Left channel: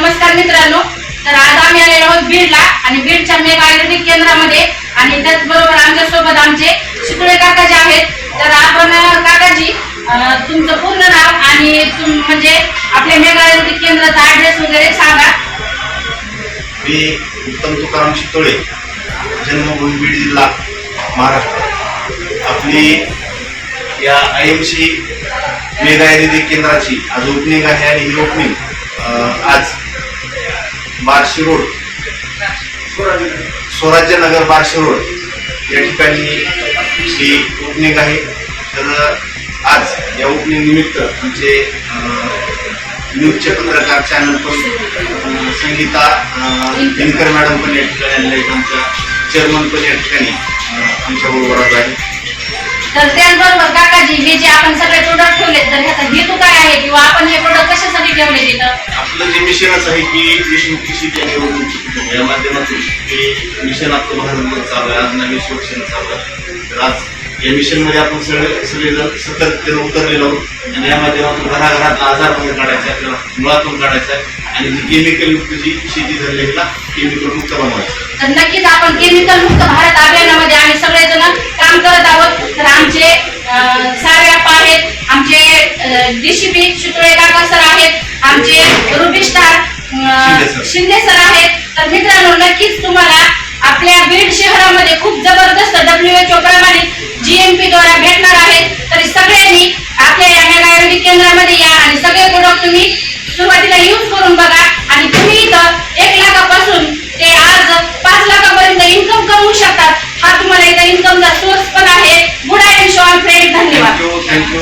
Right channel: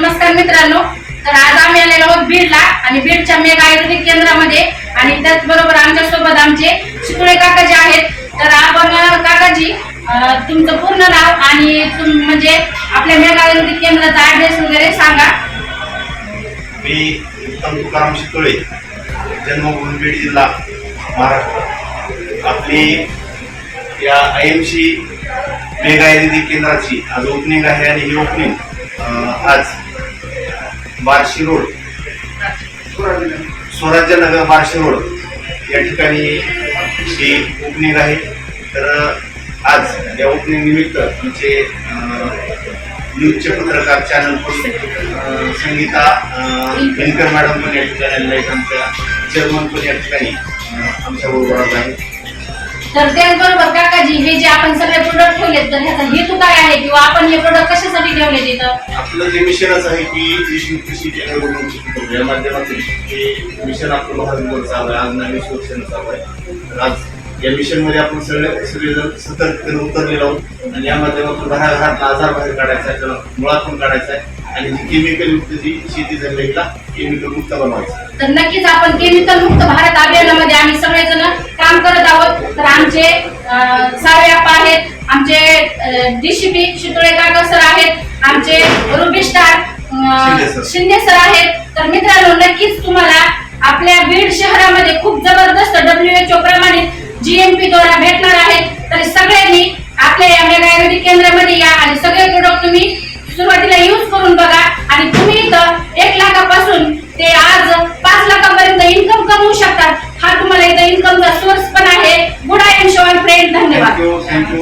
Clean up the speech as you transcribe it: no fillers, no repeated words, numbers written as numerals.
नमस्कार मित्रांनो, तर आज आम्ही आलेलो आहोत बीडला आणि बीडच्या मेगा आयुर्वेदिक केंद्रामध्ये आणि त्याचबरोबर आमच्या सोबत आमचे शितुळे काका जे आहेत. तर आपण काकाजी तुमचं पूर्ण नाव आणि म्हणजे आपल्या मेगा आयुर्वेदिक केंद्राचा ॲड्रेस वगैरे सांगा. मी उत्तम तुकाराम शितुळे, जन्मभूमी बीड जिल्हा महाराष्ट्र. आपली या IMC मेगा आयुर्वेदिक केंद्राची आज ओपनिंग आहे आणि ही ओपनिंग आज बार्शी रोड, स्वराज्यनगर बार्शी रोड या ठिकाणी ही ओपनिंग आहे. तर आज या ओपनिंग निमित्त आमचे न्यूजचे पत्रकार चॅनल पण संगीता दिनकर मॅडम पण या ठिकाणी आलेल्या आहेत. आमच्या चेअरमन पण या ठिकाणी आमच्याबरोबर आहे. तर त्याचबरोबर काकाजी हे जे आपण सगळे प्रोडक्ट ठेवले तर ह्याचा हेतू काय आहे किंवा आपण हे प्रोडक्ट कशासाठी ठेवले तिथं? आपलं जे मिशनच आहे की देशमुखी शेती या माध्यमातून हे मिशन आपलं भारतभर चालू आहे. आज नवीन वर्षानं चालू आहे. तर आज या मिशनमध्ये आपण सगळेजण सतर्कतेने उतरलेलो आहोत आणि या माध्यमातून घराघरात आजार बाहेर काढायचा, आपल्याला मुळातून काढायचा आहे आणि जी केमिकल युक्त जी शेती झालेला केमिकल मुक्त बनवायचं. तर नक्कीच आपण केमिकल मुक्त भारत अभियानामध्ये आम्ही सगळेजण काम करत आहोत. तर आमचे साऱ्याप्पा आहेत, आमचे DCP शितुळे काका सर आहेत, आमचे रुबी स्टार शिंदे सर आहेत. तर मित्रांनो, नक्कीच तुम्हाला आपल्या बीड शहरामध्ये खूप जबरदस्त WHO प्रमाणित GMP द्वारा भेटणार आहेत. तर सगळ्यांनी आपल्या या मेगा आयुर्वेदिक केंद्रामध्ये या आणि सगळे प्रोडक्ट तुम्ही सुरुवातीला यूज करून बघा आणि तुम्ही इथं 1 लाखापासून ते आज 5 लाखापर्यंत इन्कम कमवू शकतात. हा तुम्हाला इथं इन्कमचा सोर्स पण आहे. Good I show friend. धन्यवाद. थँक्यू.